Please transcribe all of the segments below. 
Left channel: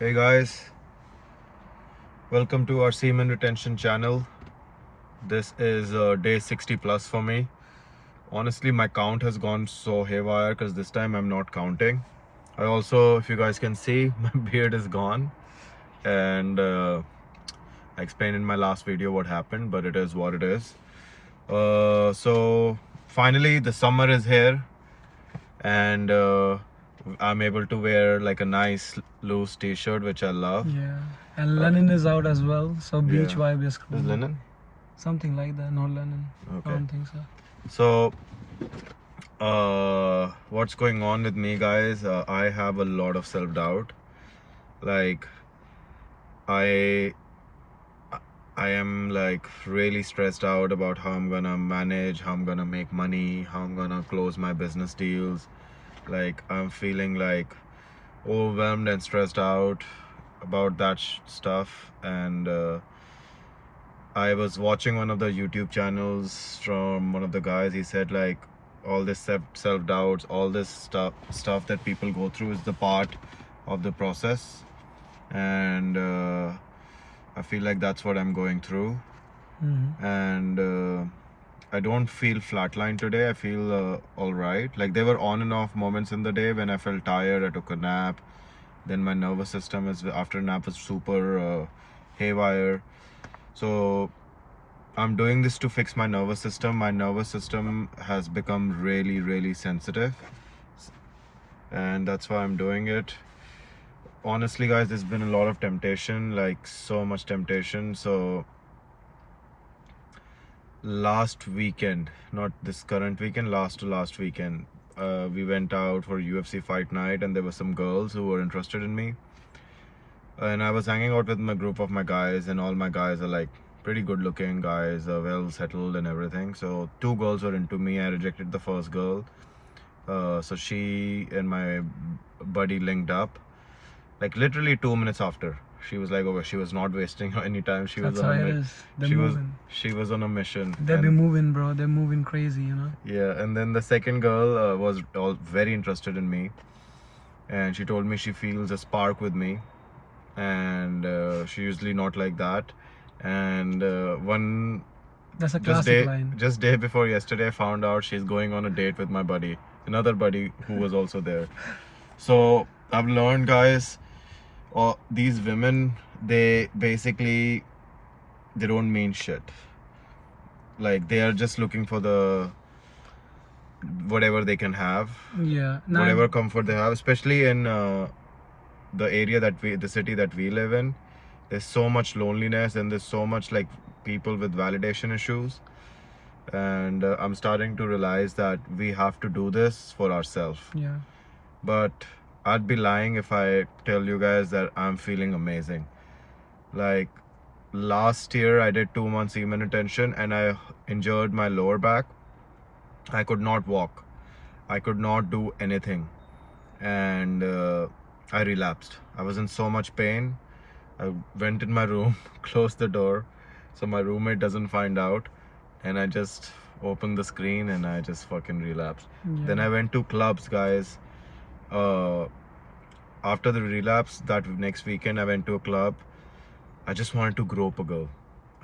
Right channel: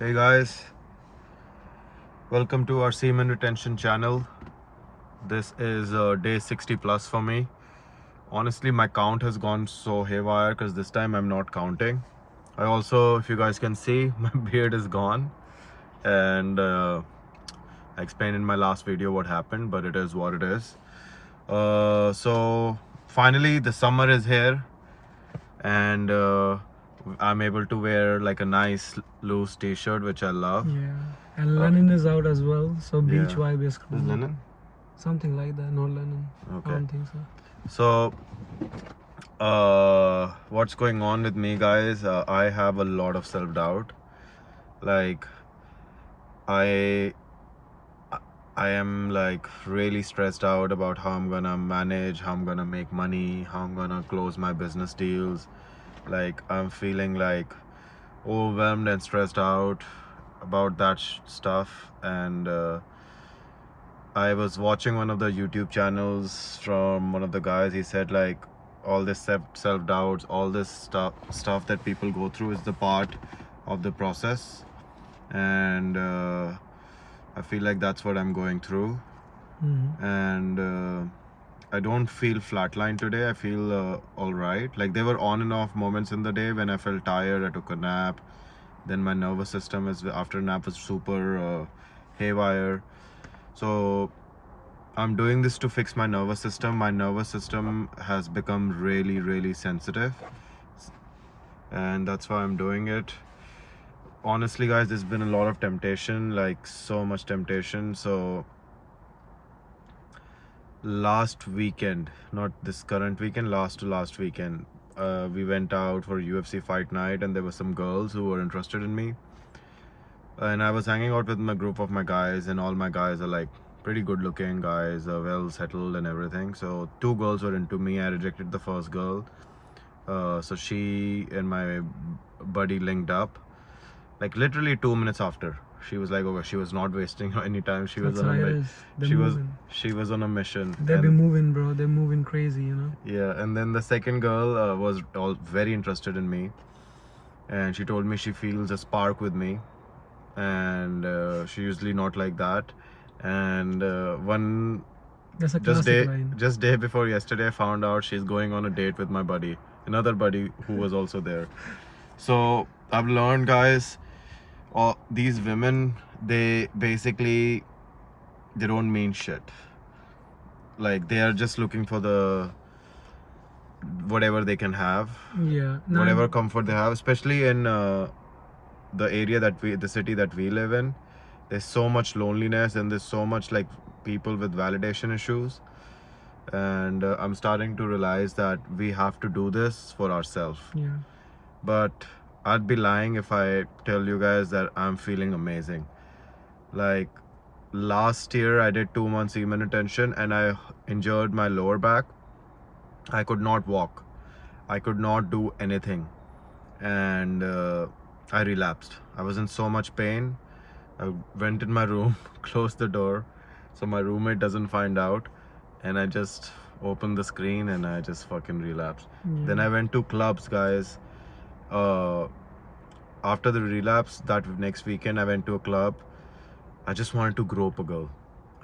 Hey guys, welcome to our semen retention channel. This is day 60 plus for me. Honestly, my count has gone so haywire because this time I'm not counting. I also, if you guys can see, my beard is gone, and I explained in my last video what happened, but it is what it is. So finally, the summer is here, and I'm able to wear like a nice loose t-shirt, which I love. Yeah, and Lennon is out as well, so beach Yeah. vibe is Is cool. linen? Something like that, not Lennon. Okay. I don't think so. So, what's going on with me, guys? I have a lot of self-doubt. Like, I I am like really stressed out about how I'm gonna manage, how I'm gonna make money, how I'm gonna close my business deals. Like, I'm feeling like overwhelmed and stressed out about that stuff. And I was watching one of the YouTube channels from one of the guys. He said like all this self doubts, all this stuff that people go through is the part of the process, and I feel like that's what I'm going through. And I don't feel flatline today. I feel all right. Like there were on and off moments in the day when I felt tired. I took a nap. Then my nervous system is after a nap was super haywire. So I'm doing this to fix my nervous system. My nervous system has become really sensitive, and that's why I'm doing it. Honestly, guys, there's been a lot of temptation, like so much temptation. So last weekend, not this current weekend, last to last weekend, we went out for UFC fight night, and there were some girls who were interested in me, and I was hanging out with my group of my guys, and all my guys are like pretty good looking guys, well settled and everything. So two girls were into me. I rejected the first girl, so she and my buddy linked up like literally 2 minutes after. She was like, okay, she was not wasting any time. She That's was how on it a is. They're she moving. was on a mission. They be moving, bro. They're moving crazy, you know. Yeah, and then the second girl was all very interested in me, and she told me she feels a spark with me, and she usually not like that. And one That's a classic line. just day before yesterday, I found out she's going on a date with my buddy, another buddy who was also there. So I've learned, guys, these women, they basically they don't mean shit. Like they are just looking for the whatever they can have, Yeah. whatever comfort they have, especially in the area the city that we live in. There's so much loneliness, and there's so much like people with validation issues, and I'm starting to realize that we have to do this for ourselves. Yeah. But I'd be lying if I tell you guys that I'm feeling amazing. Like last year I did 2 months semen retention, and I injured my lower back. I could not walk, I could not do anything, and I relapsed. I was in so much pain. I went in my room, closed the door so my roommate doesn't find out, and I just opened the screen and I just fucking relapsed. Then I went to clubs, guys. After the relapse, that next weekend I went to a club. I just wanted to grope a girl.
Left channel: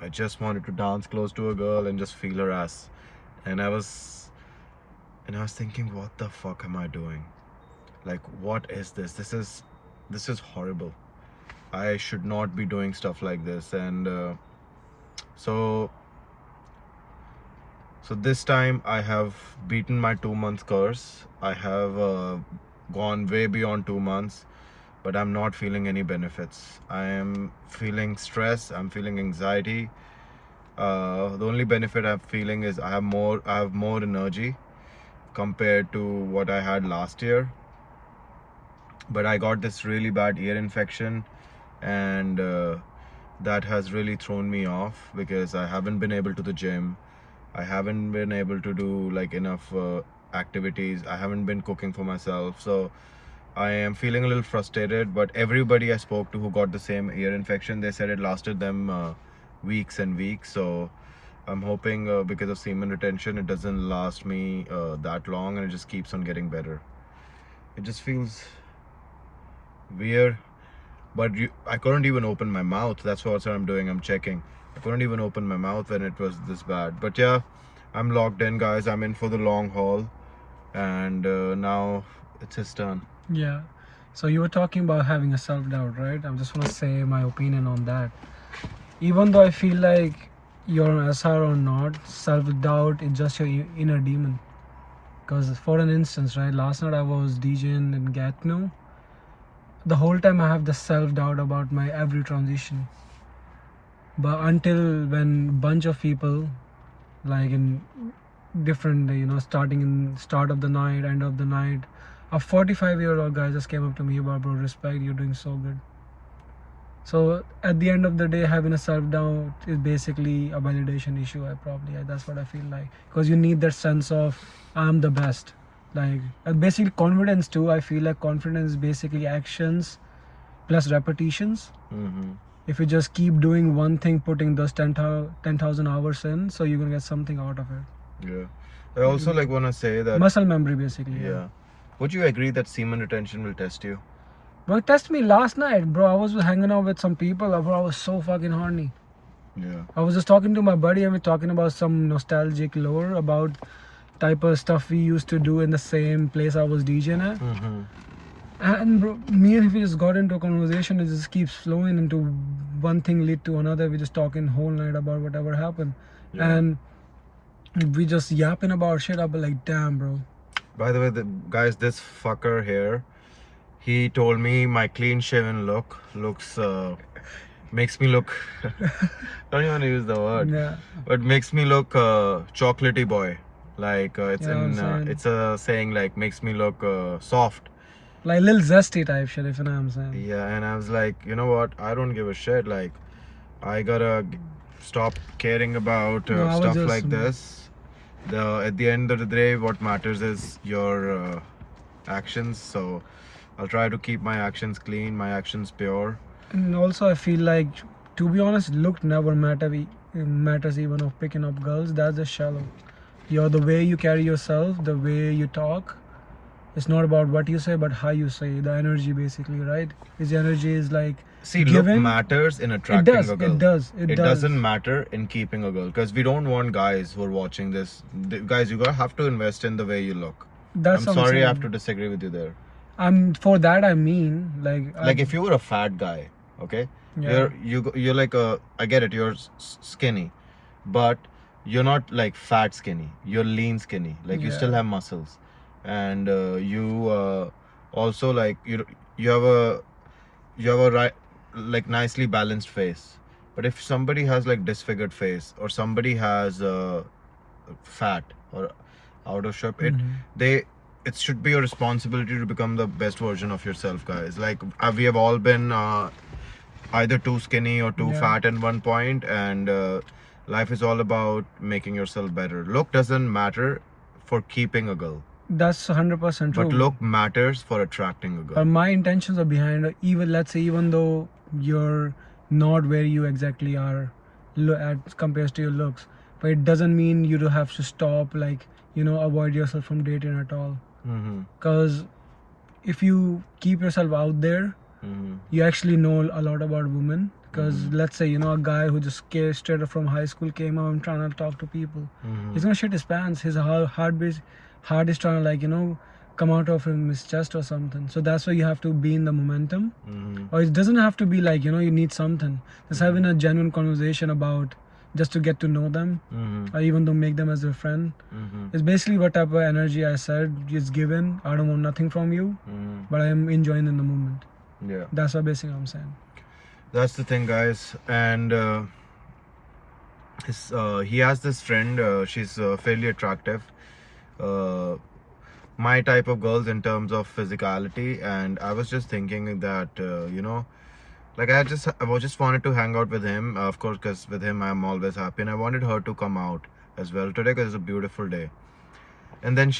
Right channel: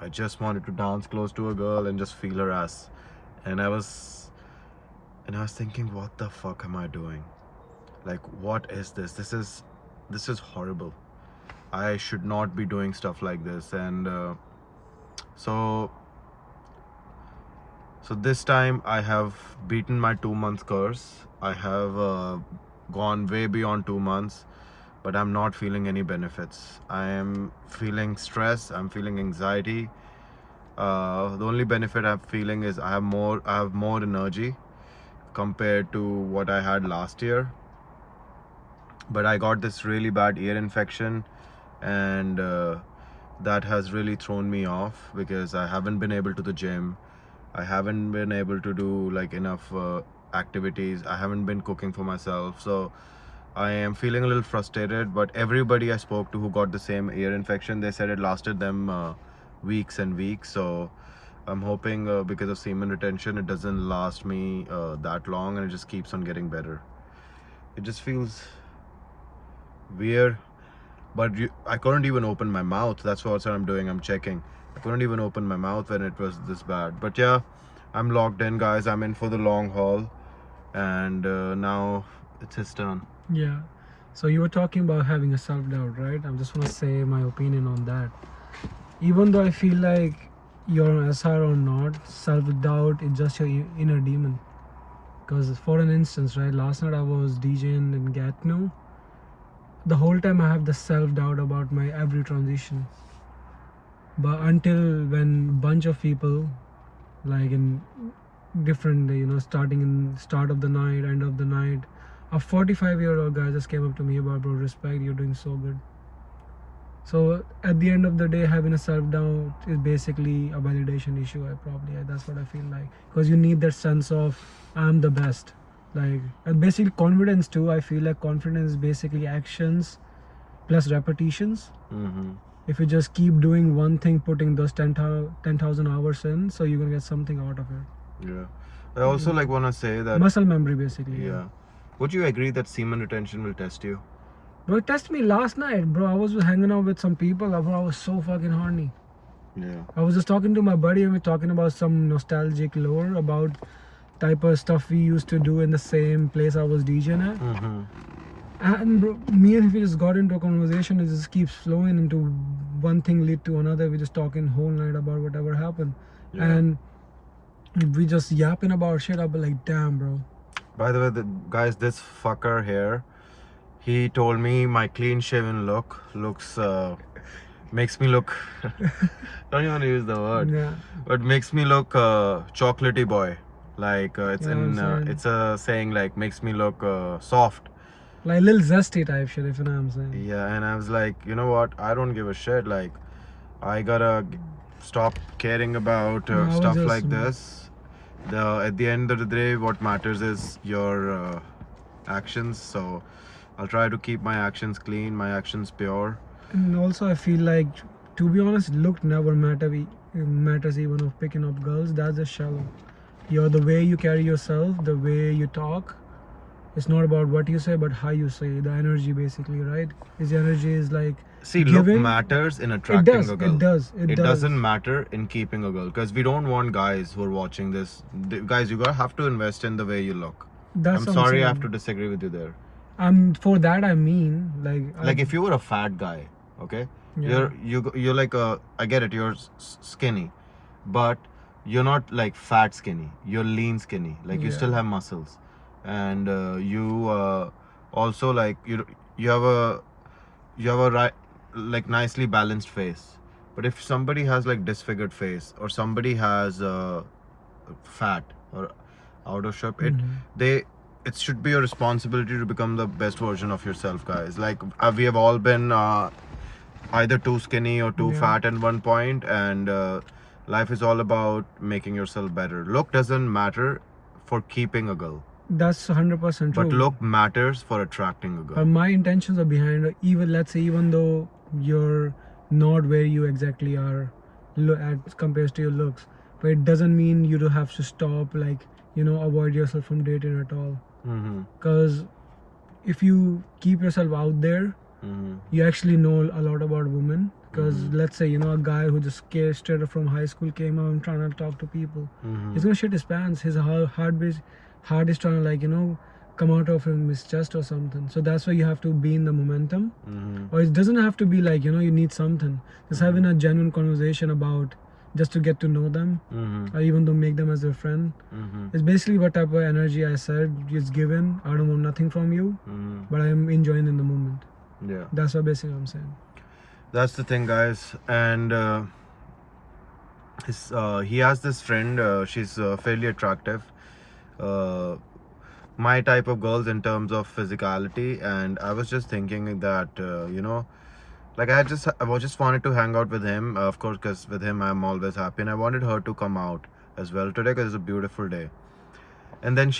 I just wanted to dance close to a girl and just feel her ass. And I was thinking, what the fuck am I doing? Like, what is this? This is horrible. I should not be doing stuff like this. And so this time I have beaten my 2 month curse. I have gone way beyond 2 months, but I'm not feeling any benefits. I am feeling stress, I'm feeling anxiety. The only benefit I'm feeling is I have more energy compared to what I had last year. But I got this really bad ear infection, and that has really thrown me off because I haven't been able to the gym. I haven't been able to do like enough activities. I haven't been cooking for myself. So I am feeling a little frustrated. But everybody I spoke to who got the same ear infection, they said it lasted them weeks and weeks. So I'm hoping because of semen retention, it doesn't last me that long, and it just keeps on getting better. It just feels weird. but I couldn't even open my mouth. That's what I'm doing. I'm checking. I couldn't even open my mouth when it was this bad. But yeah, I'm locked in, guys. I'm in for the long haul, and now it's his turn. Yeah. So you were talking about having a self-doubt, right? I just want to say my opinion on that. Even though I feel like you're an SR or not, self-doubt is just your inner demon. Because for an instance, right, last night I was DJing in Gatineau. The whole time I have the self-doubt about my every transition. But until when bunch of people, like in different, starting in start of the night, end of the night, a 45-year-old guy just came up to me about, bro, respect, you're doing so good. So at the end of the day, having a self-doubt is basically a validation issue. That's what I feel like, because you need that sense of I'm the best. Like basically confidence too. I feel like confidence is basically actions plus repetitions. Mm-hmm. If you just keep doing one thing, putting those 10,000 hours in, so you're gonna get something out of it. Yeah. I also like want to say that Muscle memory, basically. Yeah. Would you agree that semen retention will test you? Bro, it tested me last night, bro. I was hanging out with some people, bro. I was so fucking horny. Yeah. I was just talking to my buddy and we're talking about some nostalgic lore about type of stuff we used to do in the same place I was DJing at. Mm-hmm. And bro, me and him just got into a conversation. It just keeps flowing into one thing lead to another. We just talking whole night about whatever happened. Yeah. And we just yapping about shit. I'll be like, damn, bro. By the way, guys, this fucker here, he told me my clean shaven look looks makes me look don't even use the word, Yeah. but makes me look chocolatey boy. Like it's Yeah, in I'm saying. it's a saying like makes me look soft. Like little zesty type shit, if you know what I'm saying. Yeah, and I was like, you know what? I don't give a shit. Like, I gotta stop caring about No, I was stuff just- like this. At the end of the day, what matters is your actions. So I'll try to keep my actions clean, my actions pure. And also, I feel like, to be honest, look never matters even of picking up girls. That's just shallow. The way you carry yourself, the way you talk. It's not about what you say, but how you say. The energy, basically, right? His energy is like. See, Given- look matters in attracting does, a girl. it does, it does. Doesn't matter in keeping a girl, because we don't want guys who are watching this. Guys, you gotta have to invest in the way you look. That's I'm what sorry, I saying. have to disagree with you there. For that I mean, like. Like if you were a fat guy, okay, Yeah. you're like I get it, you're skinny, but you're not like fat skinny. You're lean skinny. Like you Yeah. still have muscles, and you also like you have a right, like nicely balanced face. But if somebody has like disfigured face, or somebody has fat or out of shape, it should be your responsibility to become the best version of yourself, guys. Like we have all been either too skinny or too Yeah. fat at one point, and life is all about making yourself better. Look doesn't matter for keeping a girl, That's 100% true. but look matters for attracting a But girl. my intentions are behind it. Even though you're not where you exactly are compared to your looks, but it doesn't mean you do have to stop, like, avoid yourself from dating at all. Mm-hmm. Because if you keep yourself out there, Mm-hmm. you actually know a lot about women. Because let's say a guy who just came straight up from high school came out and trying to talk to people, Mm-hmm. he's gonna shit his pants. His heart is trying to, like, come out of his chest or something. So that's why you have to be in the momentum. Mm-hmm. Or it doesn't have to be like, you need something. Just having a genuine conversation about just to get to know them, Mm-hmm. or even to make them as a friend. Mm-hmm. It's basically what type of energy I said is given. I don't want nothing from you, Mm-hmm. but I am enjoying in the moment. Yeah. That's what basically I'm saying. That's the thing, guys. And he has this friend. She's fairly attractive. My type of girls in terms of physicality. And I was just thinking that like I just wanted to hang out with him. Of course, because with him I'm always happy. And I wanted her to come out as well today because it's a beautiful day. And then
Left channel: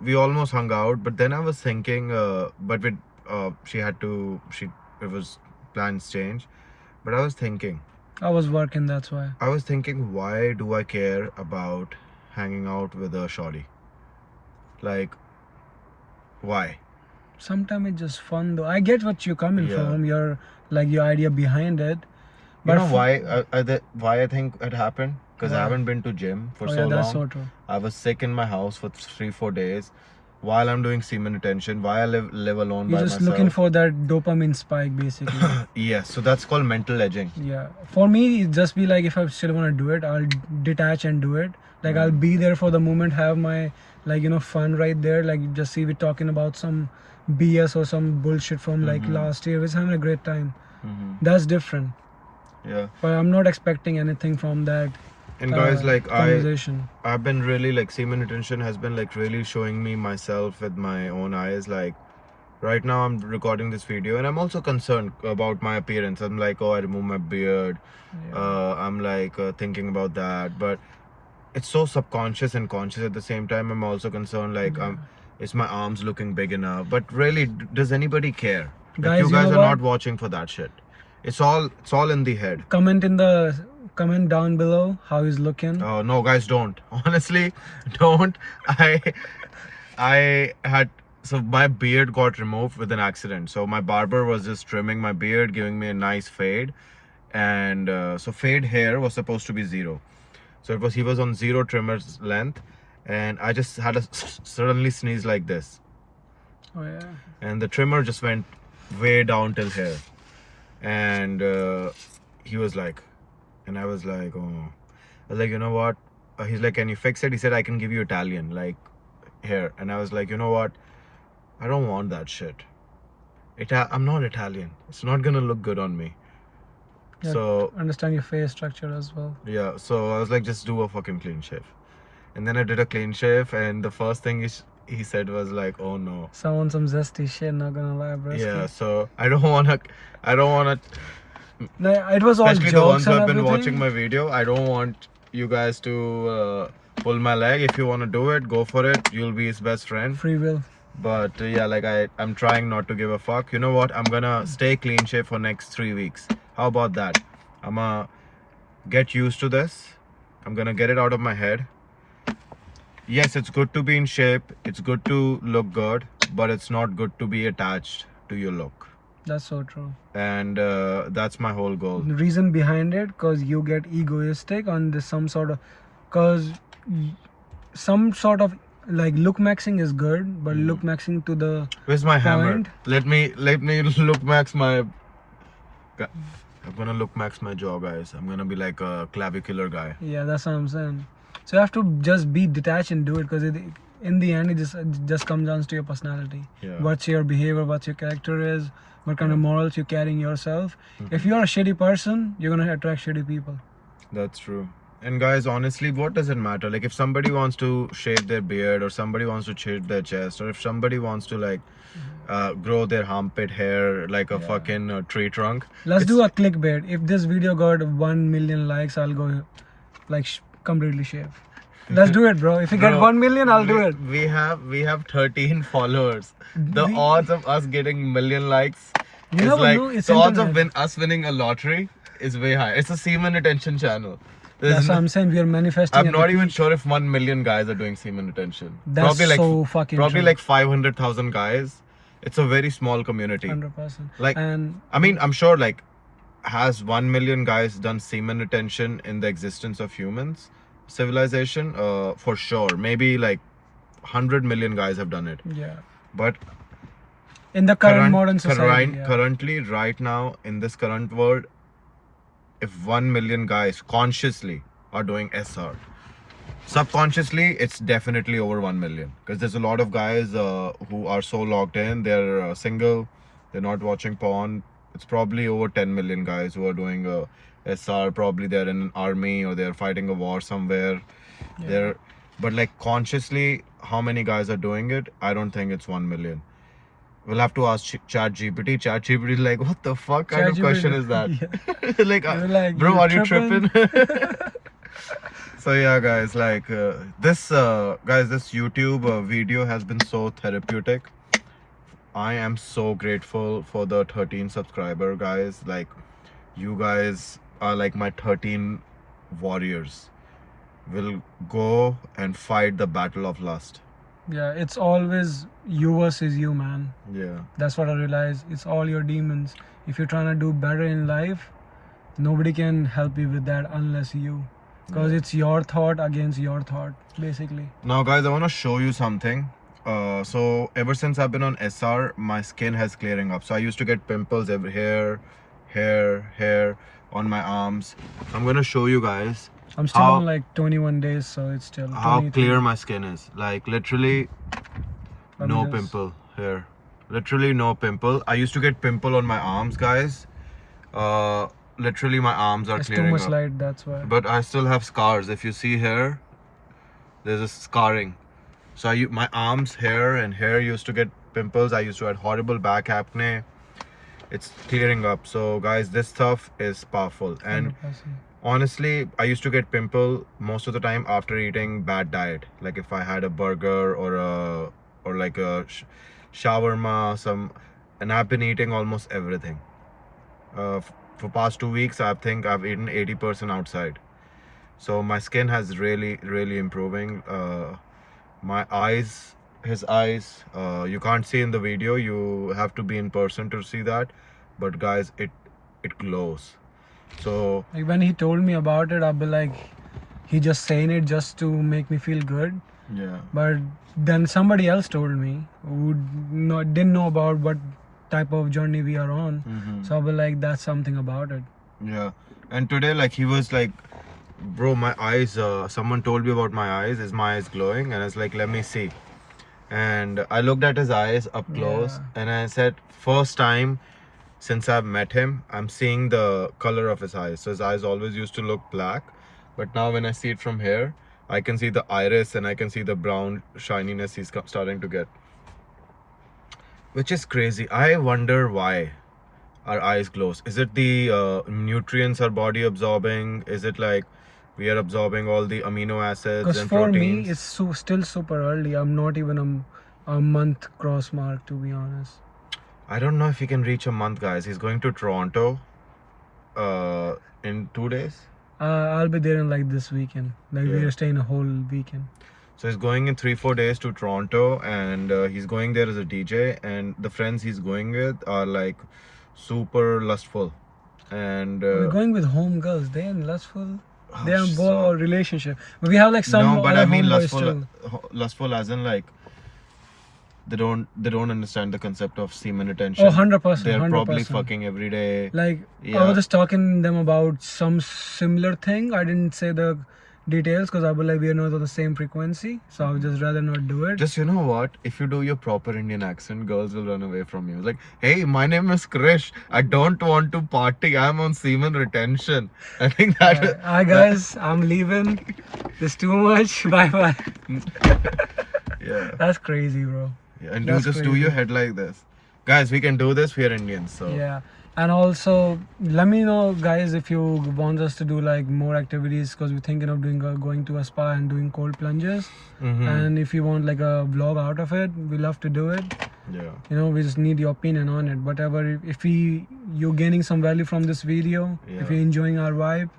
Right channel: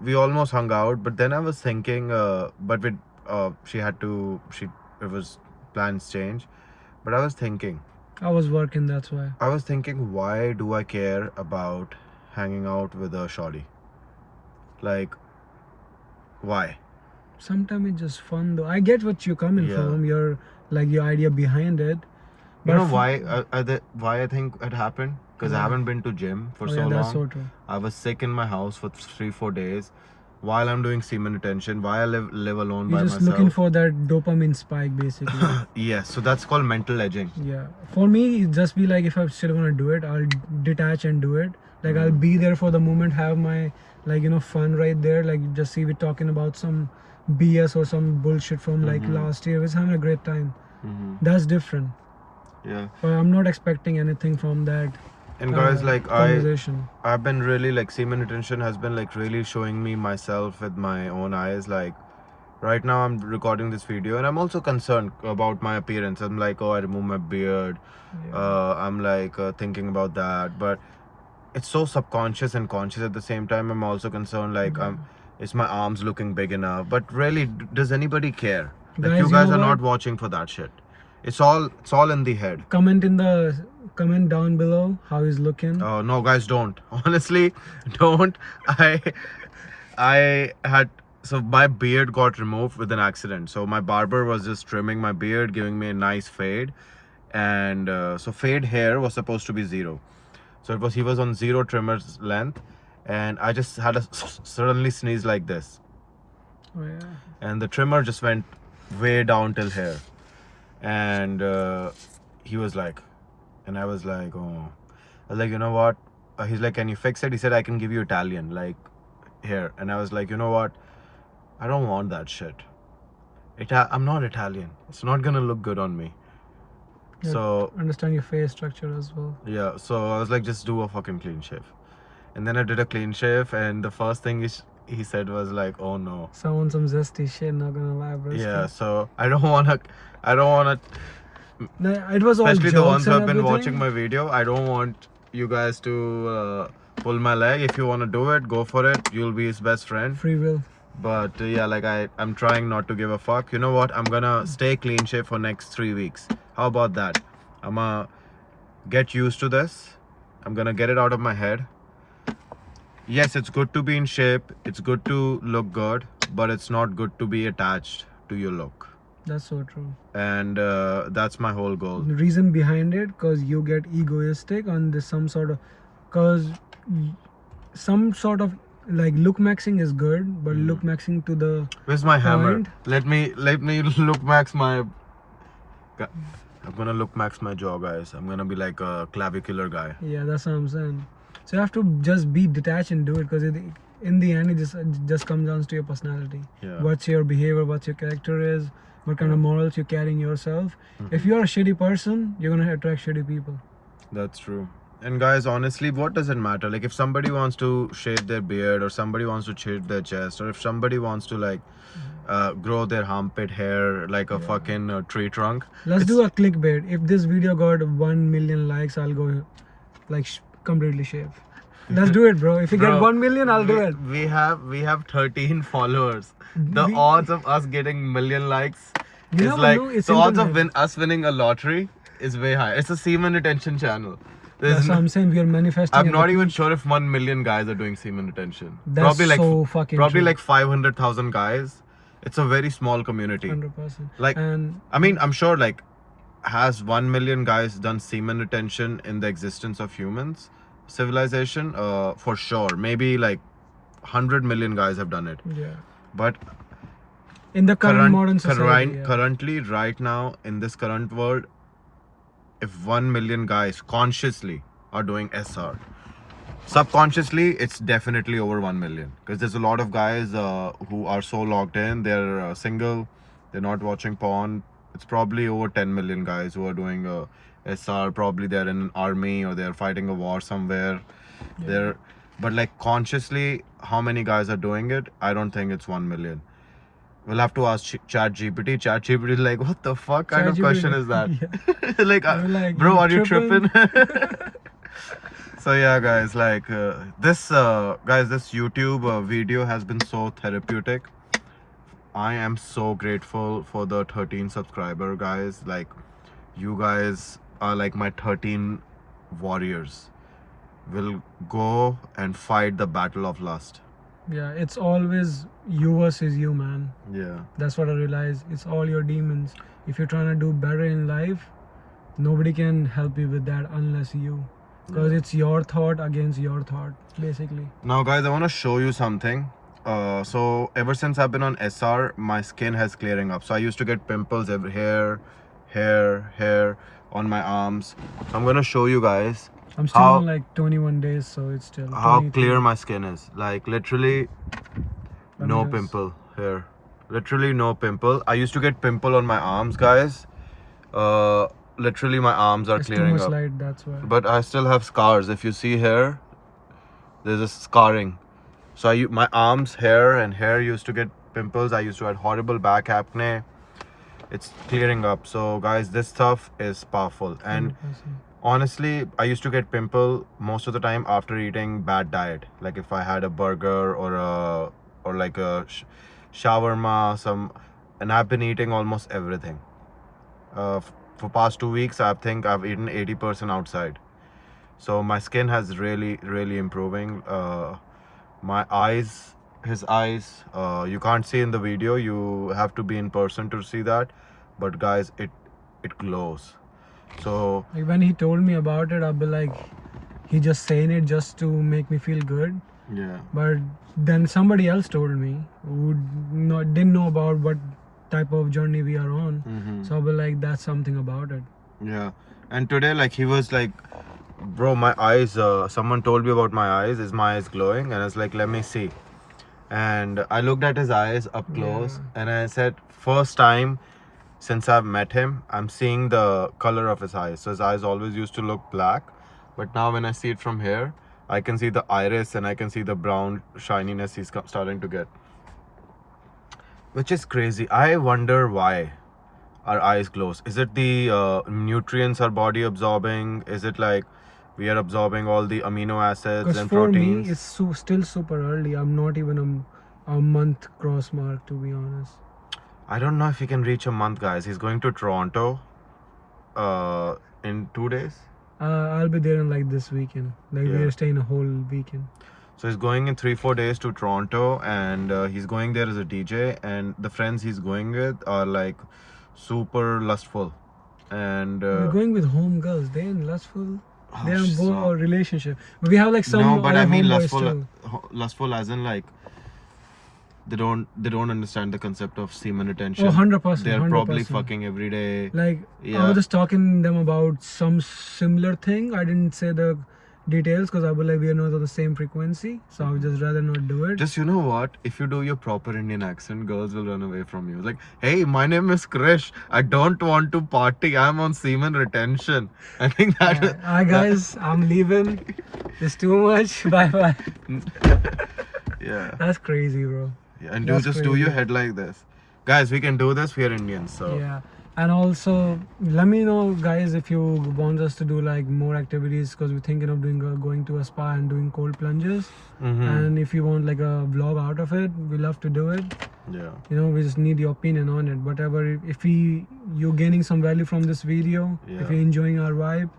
we almost hung out. But then I was thinking, it was plans change. But I was thinking, I was working, that's why. why do I care about hanging out with a shorty? Like, why? Sometimes it's just fun though. I get what you're coming Yeah. from. Your idea behind it. You know for- why I think it happened? Because I Why? haven't been to gym for Oh so yeah, that's long. so true. I was sick in my house for 3-4 days while I'm doing semen retention, while I live alone You're by just myself. looking for that dopamine spike, basically. Yes, so that's called mental edging. Yeah. For me, it just be like if I still want to do it, I'll detach and do it. Like I'll be there for the moment, have my fun right there. Like just see we talking about some BS or some bullshit from like last year. We're having a great time. That's different. Yeah. But I'm not expecting anything from that. And guys, like conversation. I've been really like semen retention has been like really showing me myself with my own eyes. Like right now I'm recording this video and I'm also concerned about my appearance. I'm like, oh, I remove my beard. I'm like thinking about that, but it's so subconscious and conscious at the same time. I'm also concerned like is my arms looking big enough? But really, does anybody care? Like Guys, you you guys know are what? not watching for that shit. It's all in the head. Comment down below how he's looking. Oh no, guys, don't. Honestly, don't. I had so my beard got removed with an accident. So my barber was just trimming my beard, giving me a nice fade, and so fade hair was supposed to be 0. So he was on 0 trimmer's length, and I just had a suddenly sneeze like this, Oh yeah. and the trimmer just went way down till here, and he was like, and I was like, oh, I was like, you know what? He's like, can you fix it? He said, I can give you Italian, like here. And I was like, you know what? I don't want that shit. I'm not Italian. It's not gonna look good on me. Yeah, So understand your face structure as well. yeah, so I was like, just do a fucking clean shave. And then I did a clean shave, and the first thing he said was like, oh no. Someone some zesty shit, not gonna lie, bro. Yeah, so I don't wanna, No, it was all especially jokes the ones who and have been everything. watching my video, I don't want you guys to pull my leg. If you want to do it, go for it. You'll be his best friend. Free will. But yeah, like I'm trying not to give a fuck. You know what? I'm gonna stay clean shave for next 3 weeks. How about that? I'm gonna get used to this. I'm gonna get it out of my head. Yes, it's good to be in shape. It's good to look good, but it's not good to be attached to your look. That's so true. And that's my whole goal. The reason behind it, cause you get egoistic on this some sort of like look maxing is good, but look maxing to the Where's my hammer? point. Let me look max my. I'm gonna look max my jaw, guys. I'm gonna be like a clavicular guy. Yeah, that's what I'm saying. So you have to just be detached and do it, because in the end it just comes down to your personality. Yeah. What's your behavior, what your character is, what kind of morals you're carrying yourself. If you're a shitty person, you're gonna attract shitty people. That's true. And guys, honestly, what does it matter? Like if somebody wants to shave their beard, or somebody wants to shave their chest, or if somebody wants to like grow their armpit hair like a fucking tree trunk. Let's do a clickbait. If this video got 1 million likes, I'll go like completely shave. Let's do it, bro. If you get Bro, 1 million, I'll do it. We have 13 followers. The odds of us getting million likes You is never like know, it's the odds of internet. us winning a lottery is way high. It's a semen retention channel. That's what I'm saying. We are manifesting. I'm at not the even sure if 1 million guys are doing semen retention. That's probably like so fucking probably true. like 500,000 guys. It's a very small community. 100%. Like And I mean, I'm sure like has 1 million guys done semen retention in the existence of humans civilization? For sure. Maybe like 100 million guys have done it. yeah, But in the current modern society, currently, right now, in this current world, if 1 million guys consciously are doing SR, subconsciously, it's definitely over 1 million. Because there's a lot of guys who are so locked in, they're single, they're not watching porn. It's probably over 10 million guys who are doing SR. Probably they're in an army or they're fighting a war somewhere. But like consciously, how many guys are doing it? I don't think it's 1 million. We'll have to ask ChatGPT. ChatGPT is like, what the fuck kind of ChatGPT, question is that? like, You're like, bro, you are you tripping?" tripping? So yeah, guys, like this YouTube video has been so therapeutic. I am so grateful for the 13 subscriber guys. Like, you guys are like my 13 warriors. Will go and fight the battle of lust. Yeah, it's always you versus you, man. Yeah. That's what I realized. It's all your demons. If you're trying to do better in life, nobody can help you with that unless you. Because Yeah. it's your thought against your thought, basically. Now, guys, I want to show you something. So ever since I've been on SR, my skin has clearing up. So I used to get pimples every hair on my arms. So I'm gonna show you guys I'm still how on like 21 days, so it's still how 23. clear my skin is. Like literally Let me no just- pimple here. Literally no pimple. I used to get pimple on my arms, guys. Literally my arms are It's too clearing much up. light, that's why. But I still have scars. If you see here, there's a scarring. So my arms, hair used to get pimples. I used to have horrible back acne. It's clearing up. So guys, this stuff is powerful. And 100%. honestly, I used to get pimple most of the time after eating bad diet. Like if I had a burger or like a shawarma, and I've been eating almost everything. For past 2 weeks, I think I've eaten 80% outside. So my skin has really improving. My eyes, his eyes, you can't see in the video. You have to be in person to see that. But guys, it glows. So Like when he told me about it, I'll be like, he just saying it just to make me feel good. yeah. But then somebody else told me who didn't know about what type of journey we are on. Mhm. So I'll be like, that's something about it. Yeah. And today, like, he was like, bro, my eyes, someone told me about my eyes. Is my eyes glowing? And I was like, let me see. And I looked at his eyes up close, Yeah. and I said, first time since I've met him, I'm seeing the color of his eyes. So his eyes always used to look black. But now when I see it from here, I can see the iris and I can see the brown shininess he's starting to get. Which is crazy. I wonder why our eyes glows. Is it the nutrients our body absorbing? Is it like we are absorbing all the amino acids Because and for proteins? me, it's still super early. I'm not even a month cross mark, to be honest. I don't know if he can reach a month, guys. He's going to Toronto in 2 days. I'll be there in like this weekend. Like Yeah. we're staying a whole weekend. So he's going in 3-4 days to Toronto, and he's going there as a DJ. And the friends he's going with are like super lustful, and We're going with home girls. They're in lustful. oh, They're in so- a relationship. But we have like some. no, but I other mean homeboys lustful, too. lustful as in like they don't understand the concept of semen retention. Oh, 100%. They're 100%. probably fucking every day. Like I Yeah. was just talking to them about some similar thing. I didn't say the details because I was like we are not on the same frequency, so I would just rather not do it. Just, you know what? If you do your proper Indian accent, girls will run away from you. Like, hey, my name is Krish. I don't want to party. I'm on semen retention. I think that. Yeah. Hi guys, I'm leaving. It's too much. Bye bye. Yeah. That's crazy, bro. Yeah, and That's do crazy. your head like this. Guys, we can do this. We are Indians, so. Yeah. And also, let me know, guys, if you want us to do like more activities because we're thinking of going to a spa and doing cold plunges. Mhm. And if you want like a vlog out of it, we love to do it. Yeah. You know, we just need your opinion on it. Whatever, if you're gaining some value from this video, Yeah. if you're enjoying our vibe,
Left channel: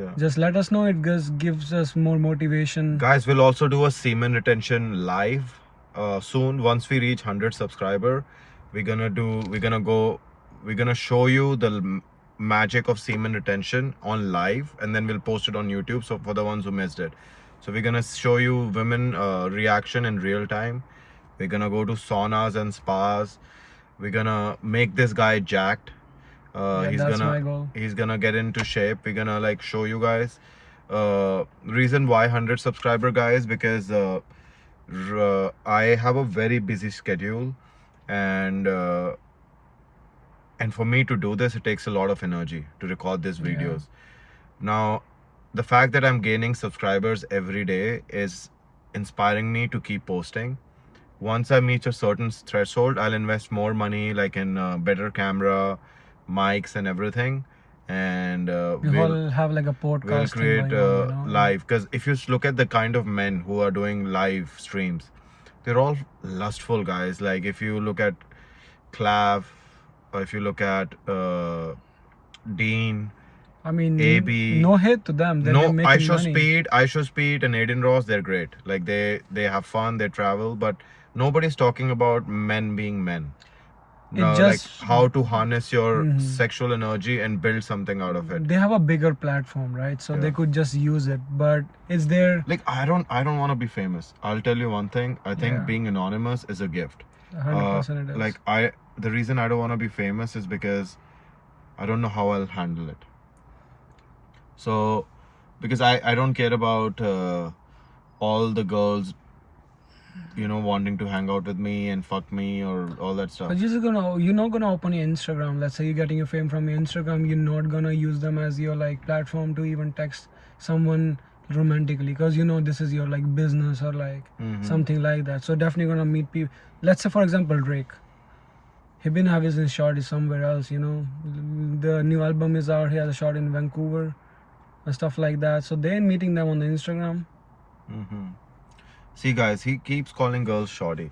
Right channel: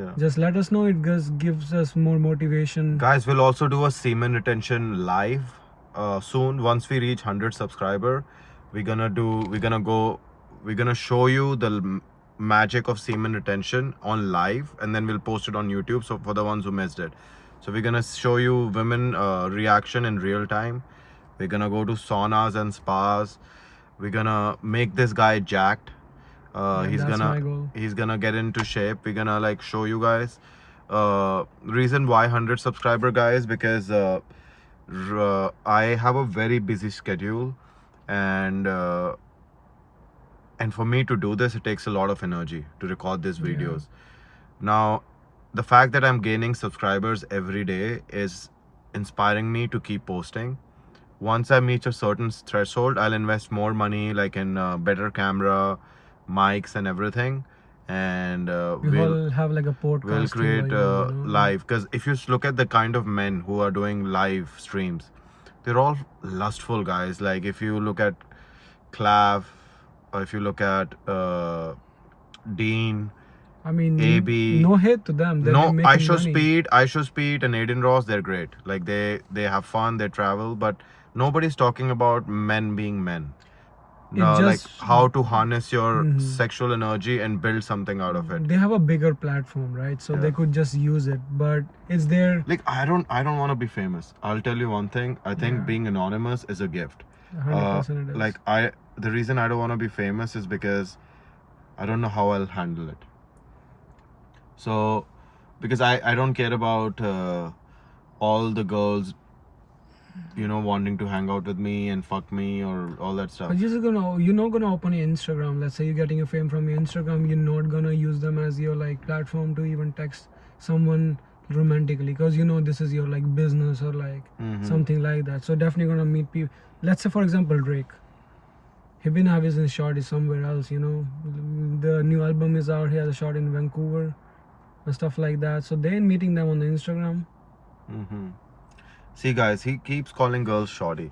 Yeah. just let us know. It just gives us more motivation. Guys, we'll also do a semen retention live soon. Once we reach 100 subscriber, we're gonna show you the magic of semen retention on live, and then we'll post it on YouTube. So for the ones who missed it, so we're gonna show you women reaction in real time. We're gonna go to saunas and spas. We're gonna make this guy jacked. Yeah, that's my goal. He's gonna get into shape. We're gonna like show you guys reason why 100 subscriber, guys, because I have a very busy schedule, and for me to do this, it takes a lot of energy to record these Yeah. videos. Now, the fact that I'm gaining subscribers every day is inspiring me to keep posting. Once I meet a certain threshold, I'll invest more money, like in better camera, mics, and everything, and We all have like a podcast. we'll create going on, you know? live. Because if you look at the kind of men who are doing live streams, they're all lustful guys. Like if you look at Clav, or if you look at Dean, I mean, AB. no hate to them. They're No, making money. I Show Speed and Aiden Ross, they're great. Like they have fun, they travel, but nobody's talking about men being men. No, like just- how to harness your Mhm. sexual energy and build something out of it. They have a bigger platform, right? So they Yeah. could just use it. But it's their Like I don't want to be famous. I'll tell you one thing. I think Yeah. being anonymous is a gift. 100% it is. Like the reason I don't want to be famous is because I don't know how I'll handle it. So, because I don't care about all the girls, wanting to hang out with me and fuck me or all that stuff. But you're not gonna open your Instagram. Let's say you're getting your fame from your Instagram. You're not gonna use them as your like platform to even text someone romantically, because this is your like business or like Mhm. something like that. So definitely gonna meet people. Let's say for example Drake. He been having his shot is somewhere else. The new album is out. He has a shot in Vancouver and stuff like that. So they're meeting them on the Instagram. Mm-hmm. See, guys, he keeps calling girls shorty.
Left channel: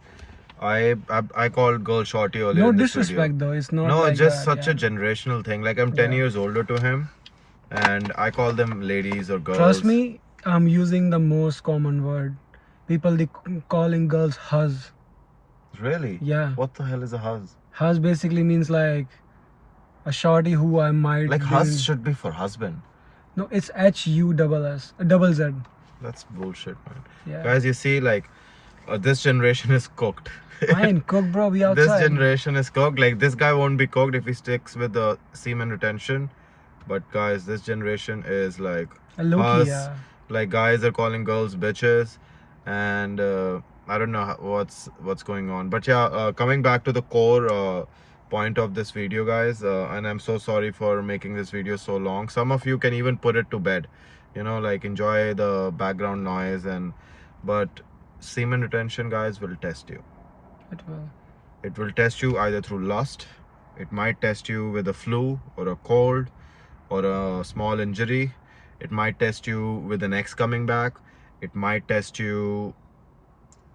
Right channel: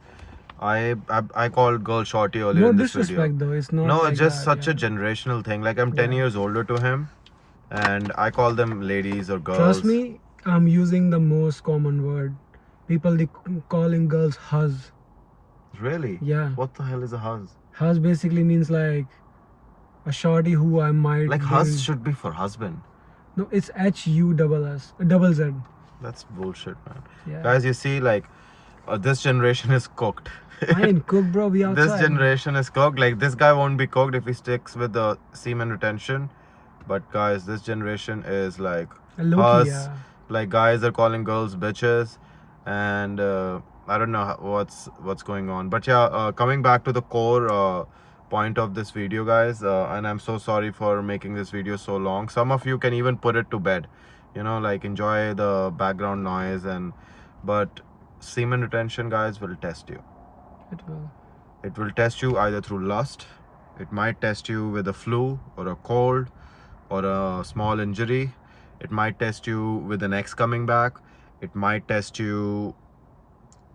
I called girl shorty earlier No in this disrespect video. though. It's not. No, like it's just that, such a yeah. generational thing. Like I'm 10 Yeah. years older to him, and I call them ladies or girls. Trust me, I'm using the most common word. People calling girls huz. Really? Yeah. What the hell is a huzz? Huz basically means like a shorty who I might. Like be huzz in- should be for husband. No, it's HUSS. That's bullshit, man. Yeah. Guys, you see, like this generation is cooked. I ain't cooked, bro. We outside. This generation is cooked. Like this guy won't be cooked if he sticks with the semen retention. But guys, this generation is like Low-key, us. yeah. Like guys are calling girls bitches, and I don't know what's going on. But yeah, coming back to the core point of this video, guys, and I'm so sorry for making this video so long. Some of you can even put it to bed, like enjoy the background noise, but semen retention, guys, will test you. It will. It will test you either through lust, it might test you with a flu or a cold or a small injury, it might test you with an ex coming back, it might test you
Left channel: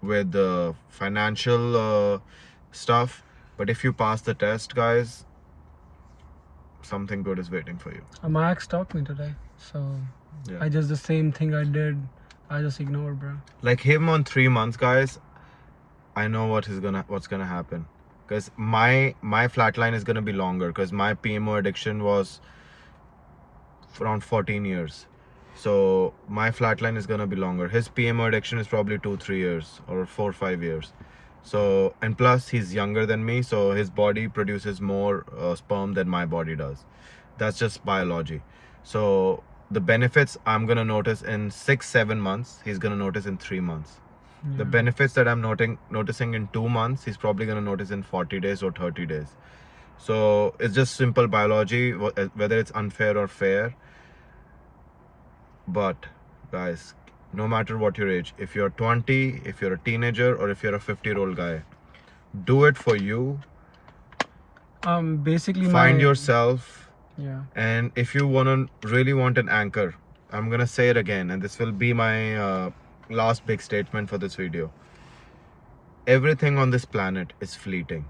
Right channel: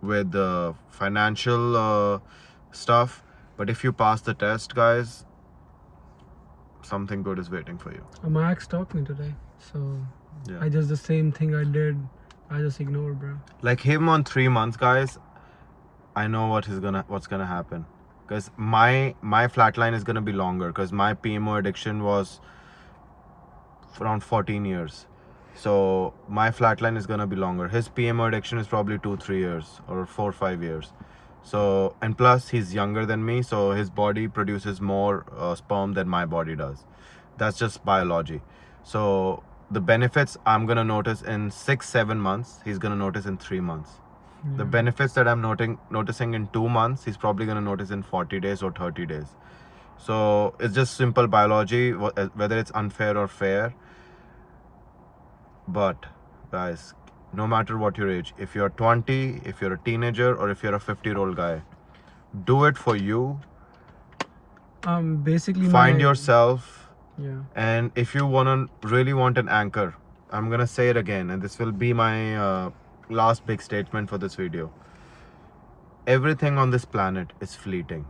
with the financial stuff. But if you pass the test, guys, something good is waiting for you. My ex stalked me today, so Yeah. I just the same thing I did. I just ignored, bro. Like him on 3 months, guys, I know what's gonna happen, because my flatline is gonna be longer, because my PMO addiction was around 14 years. So my flatline is gonna be longer. His PMO addiction is probably 2-3 years or 4-5 years. So, and plus he's younger than me, so his body produces more sperm than my body does. That's just biology. So the benefits I'm gonna notice in 6-7 months, he's gonna notice in 3 months. The benefits that I'm noticing in 2 months, he's probably gonna notice in 40 days or 30 days. So it's just simple biology, whether it's unfair or fair. But guys, no matter what your age, if you're 20, if you're a teenager, or if you're a 50-year-old guy, do it for you. Basically Find my, yourself. Yeah. And if you really want an anchor, I'm gonna say it again, and this will be my last big statement for this video. Everything on this planet is fleeting.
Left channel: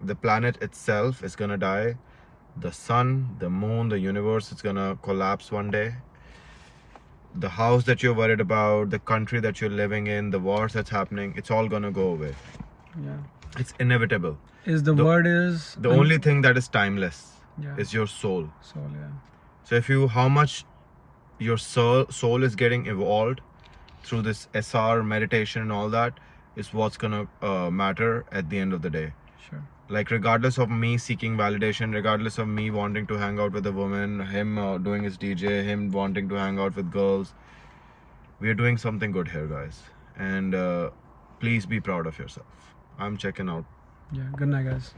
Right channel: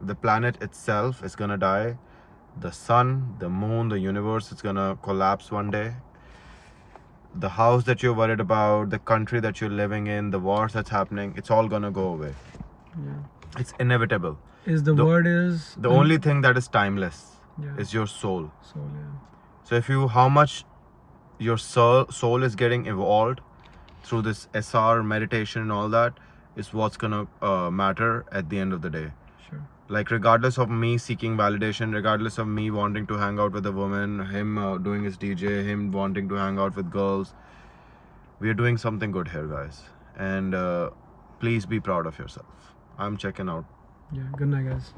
The planet itself is gonna die. The sun, the moon, the universe is gonna collapse one day. The house that you're worried about, the country that you're living in, the wars that's happening, it's all gonna go away. Yeah. It's inevitable. The word is The only thing that is timeless Yeah. is your soul. So yeah. So how much your soul is getting evolved through this SR meditation and all that is what's gonna matter at the end of the day. Sure. Like regardless of me seeking validation, regardless of me wanting to hang out with a woman, him doing his DJ, him wanting to hang out with girls, we are doing something good here, guys. And please be proud of yourself. I'm checking out. Yeah. Good night, guys.